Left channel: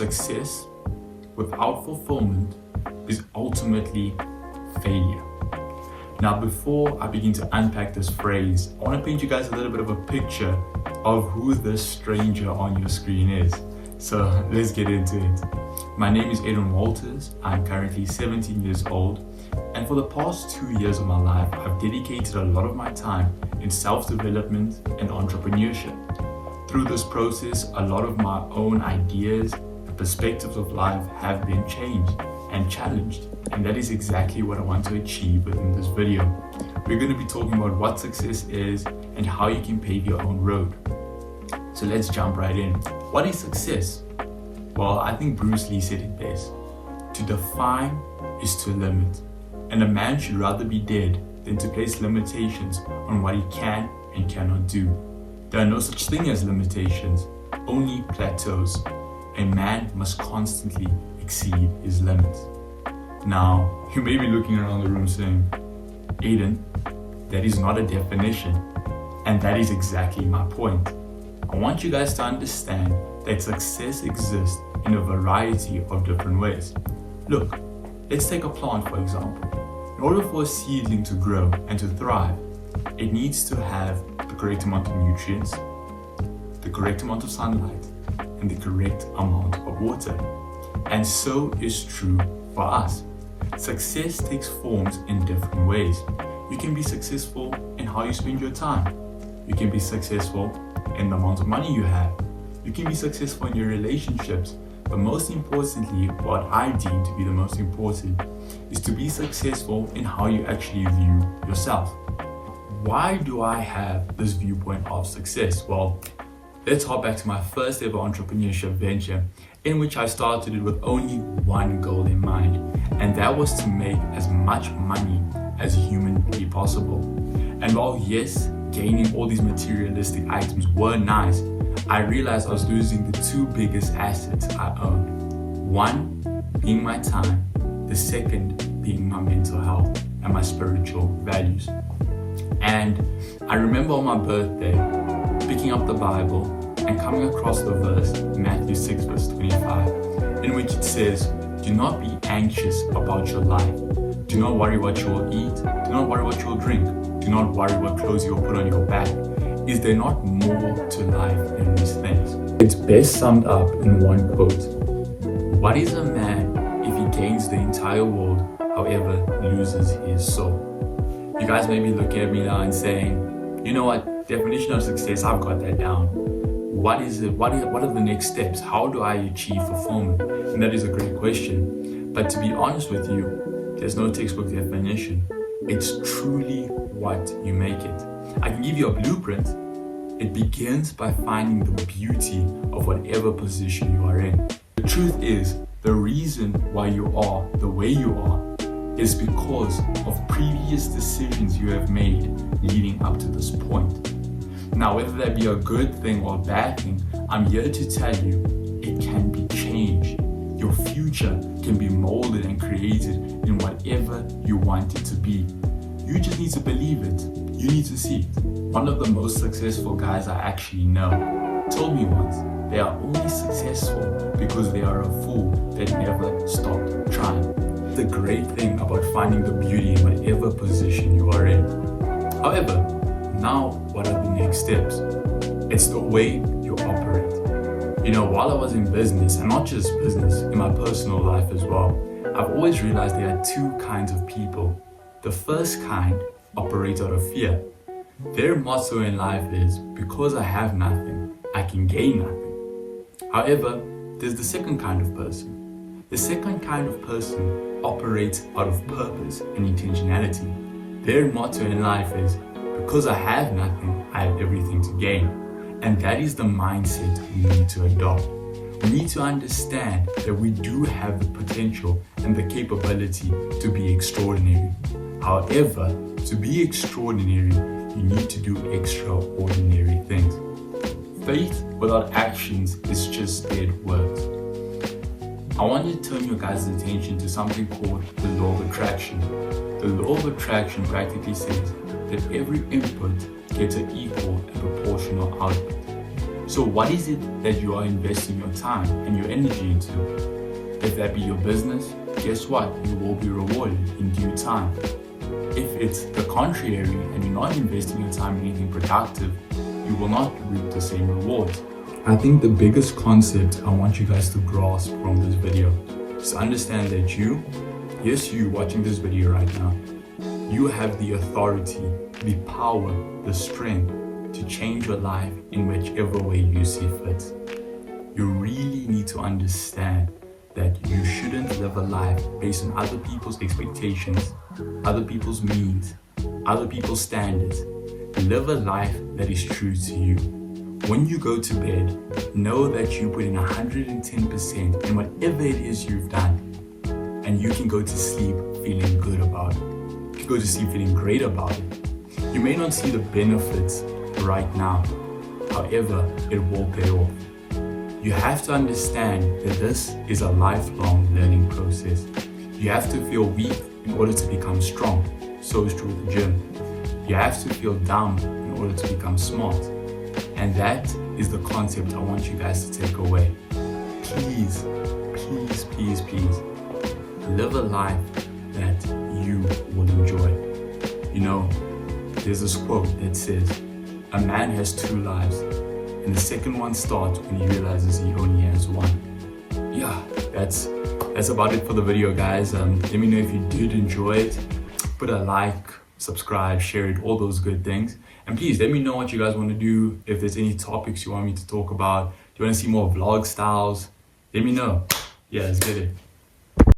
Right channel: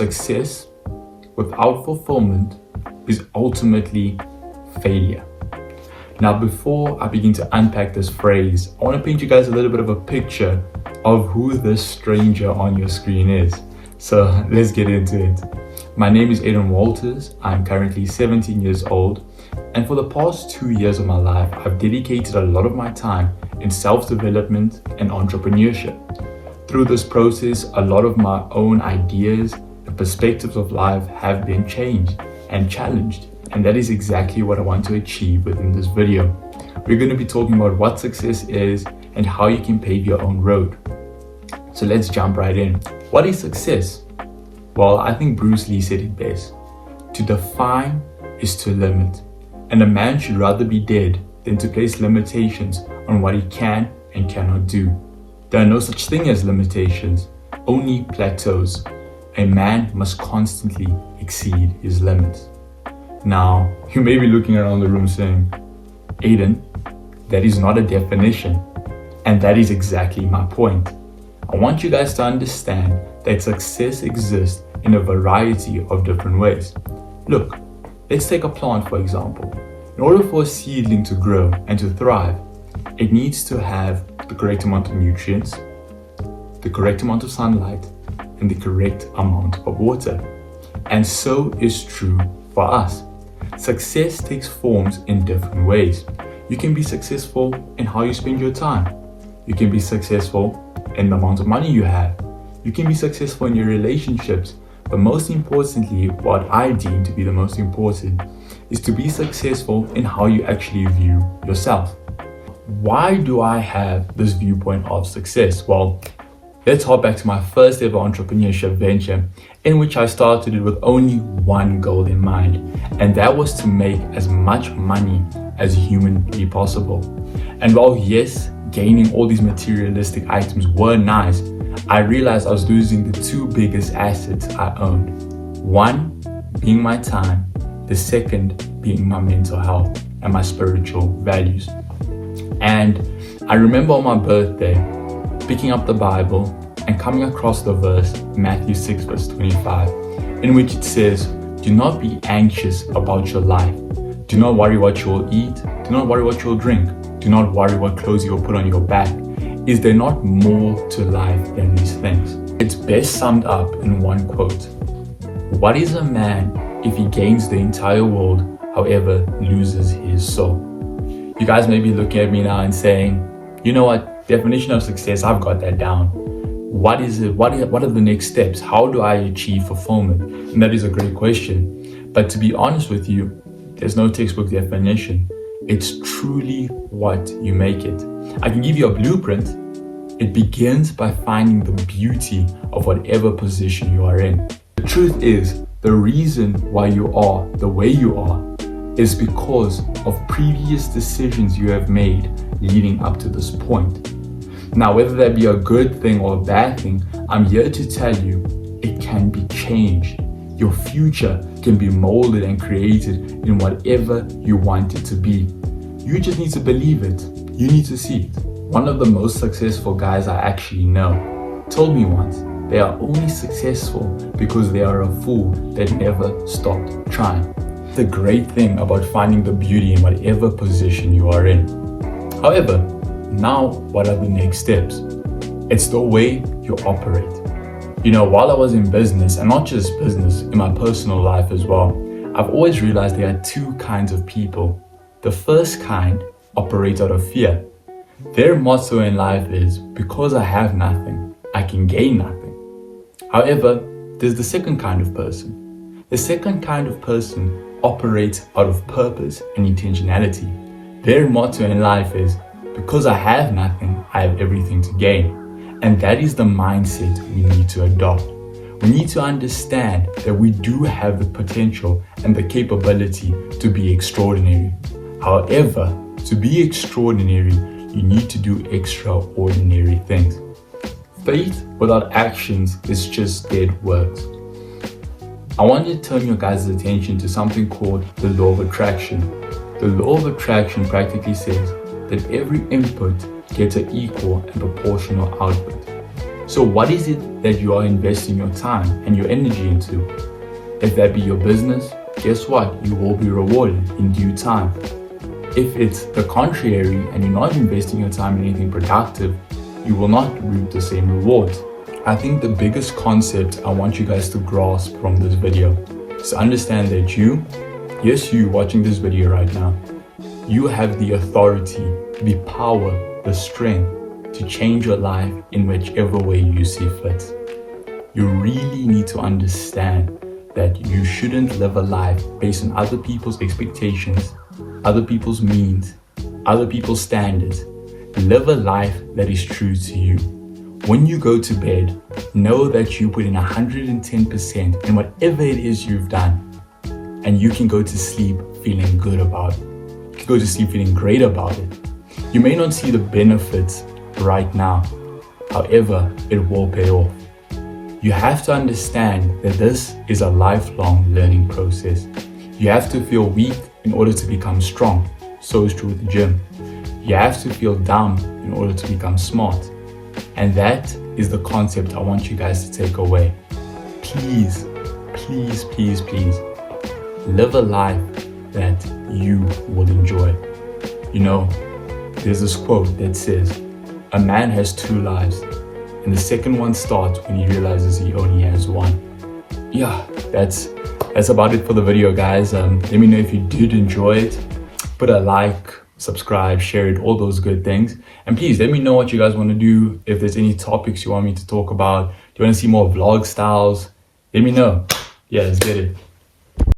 success without fulfillment is ultimately failure. Now, before I begin to unpack this phrase, I want to paint you guys a little bit of a picture of who this stranger on your screen is. So let's get into it. My name is Aiden Walters. I'm currently 17 years old. And for the past 2 years of my life, I've dedicated a lot of my time in self-development and entrepreneurship. Through this process, a lot of my own ideas and perspectives of life have been changed and challenged. And that is exactly what I want to achieve within this video. We're going to be talking about what success is and how you can pave your own road. So let's jump right in. What is success? Well, I think Bruce Lee said it best. To define is to limit. And a man should rather be dead than to place limitations on what he can and cannot do. There are no such thing as limitations, only plateaus. A man must constantly exceed his limits. Now, you may be looking around the room saying, Aiden, that is not a definition. And that is exactly my point. I want you guys to understand that success exists in a variety of different ways. Look, let's take a plant for example. In order for a seedling to grow and to thrive, it needs to have the correct amount of nutrients, the correct amount of sunlight, and the correct amount of water. And so is true for us. Success takes forms in different ways. You can be successful in how you spend your time. You can be successful in the amount of money you have. You can be successful in your relationships. But most importantly, what I deem to be the most important is to be successful in how you actually view yourself. Why do I have this viewpoint of success? Well, let's hop back to my first ever entrepreneurship venture, in which I started it with only one goal in mind, and that was to make as much money as humanly possible. And while yes, gaining all these materialistic items were nice, I realized I was losing the two biggest assets I owned. One being my time, the second being my mental health and my spiritual values. And I remember on my birthday, picking up the Bible and coming across the verse, Matthew 6 verse 25, in which it says, do not be anxious about your life. Do not worry what you will eat. Do not worry what you will drink. Do not worry what clothes you will put on your back. Is there not more to life than these things? It's best summed up in one quote. What is a man if he gains the entire world, however loses his soul? You guys may be looking at me now and saying, you know what, definition of success, I've got that down. What is it? What are the next steps? How do I achieve fulfillment? And that is a great question. But to be honest with you, there's no textbook definition. It's truly what you make it. I can give you a blueprint. It begins by finding the beauty of whatever position you are in. The truth is, the reason why you are the way you are is because of previous decisions you have made leading up to this point. Now, whether that be a good thing or a bad thing, I'm here to tell you it can be changed. Your future can be molded and created in whatever you want it to be. You just need to believe it. You need to see it. One of the most successful guys I actually know told me once, they are only successful because they are a fool that never stopped trying. The great thing about finding the beauty in whatever position you are in. However, now what are the next steps? It's the way you operate. You know, while I was in business, and not just business, in my personal life as well, I've always realized there are two kinds of people. The first kind operate out of fear. Their motto in life is, because I have nothing, I can gain nothing. However, there's the second kind of person. The second kind of person operates out of purpose and intentionality. Their motto in life is, because I have nothing, I have everything to gain. And that is the mindset we need to adopt. We need to understand that we do have the potential and the capability to be extraordinary. However, to be extraordinary, you need to do extraordinary things. Faith without actions is just dead words. I want to turn your guys' attention to something called the law of attraction. The law of attraction practically says that every input gets an equal and proportional output. So what is it that you are investing your time and your energy into? If that be your business, guess what? You will be rewarded in due time. If it's the contrary and you're not investing your time in anything productive, you will not reap the same rewards. I think the biggest concept I want you guys to grasp from this video is to understand that you watching this video right now, you have the authority, the power, the strength to change your life in whichever way you see fit. You really need to understand that you shouldn't live a life based on other people's expectations, other people's means, other people's standards. Live a life that is true to you. When you go to bed, know that you put in 110% in whatever it is you've done, and you can go to sleep feeling good about it. You can go to sleep feeling great about it. You may not see the benefits right now, however, it will pay off. You have to understand that this is a lifelong learning process. You have to feel weak in order to become strong. So is true with the gym. You have to feel dumb in order to become smart. And that is the concept I want you guys to take away. Please, please, please, please, live a life that you will enjoy. You know, there's this quote that says, a man has two lives, and the second one starts when he realizes he only has one. Yeah, that's about it for the video, guys. Let me know if you did enjoy it. Put a like, subscribe, share it, all those good things. And please let me know what you guys want to do. If there's any topics you want me to talk about, do you want to see more vlog styles? Let me know. Yeah, let's get it.